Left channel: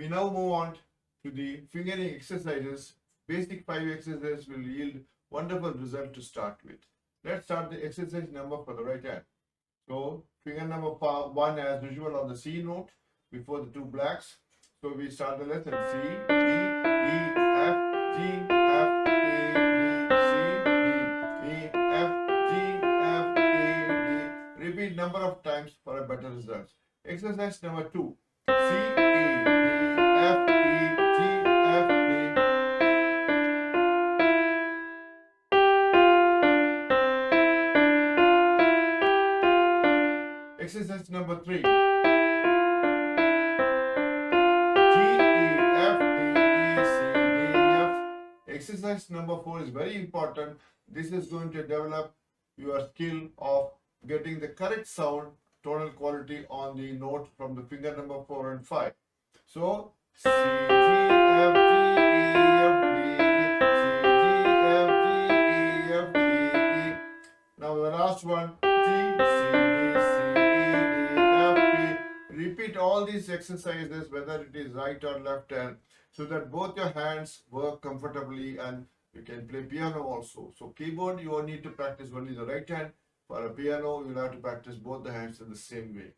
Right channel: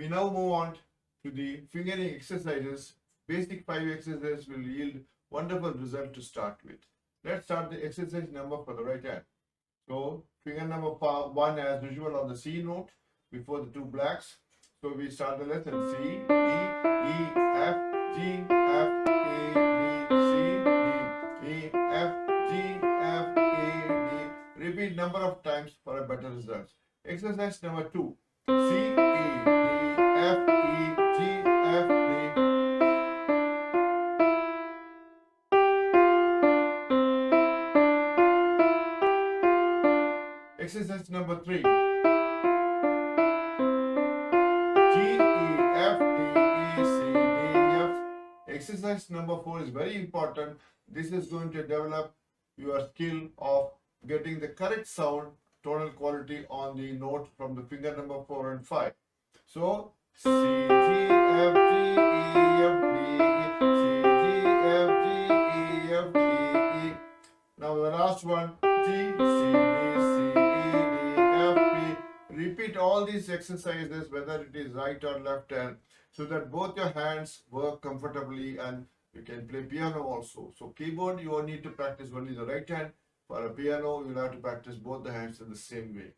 We now move on to the fingering exercises. Basic 5 exercises will yield wonderful result to start with. Let's start the exercise number for the right hand. So finger number 1 as usual on the C note before the two blacks. So we start the lesson C, D, E, F, G, F, A, D, C, D, E, F, G, F, A, D. Repeat number of times for a better result. Exercise number 2. C, A, D, F, E, G, F, D. Exercise number 3. G, E, F, D, E, C, D, F. Exercise number 4 is very important. This is going to develop your skill of getting the correct sound, tonal quality on the note from the finger number 4 and 5. So, C, G, F, G, E, F, D, E, C, G, F, G, E, F, D, E. Now the last one, G, C, D, C, E, D, F, P. Repeat all these exercises whether it is right or left hand so that both your hands work comfortably and you can play piano also. So keyboard you will need to practice only the right hand. For a piano you will have to practice both the hands in the same way.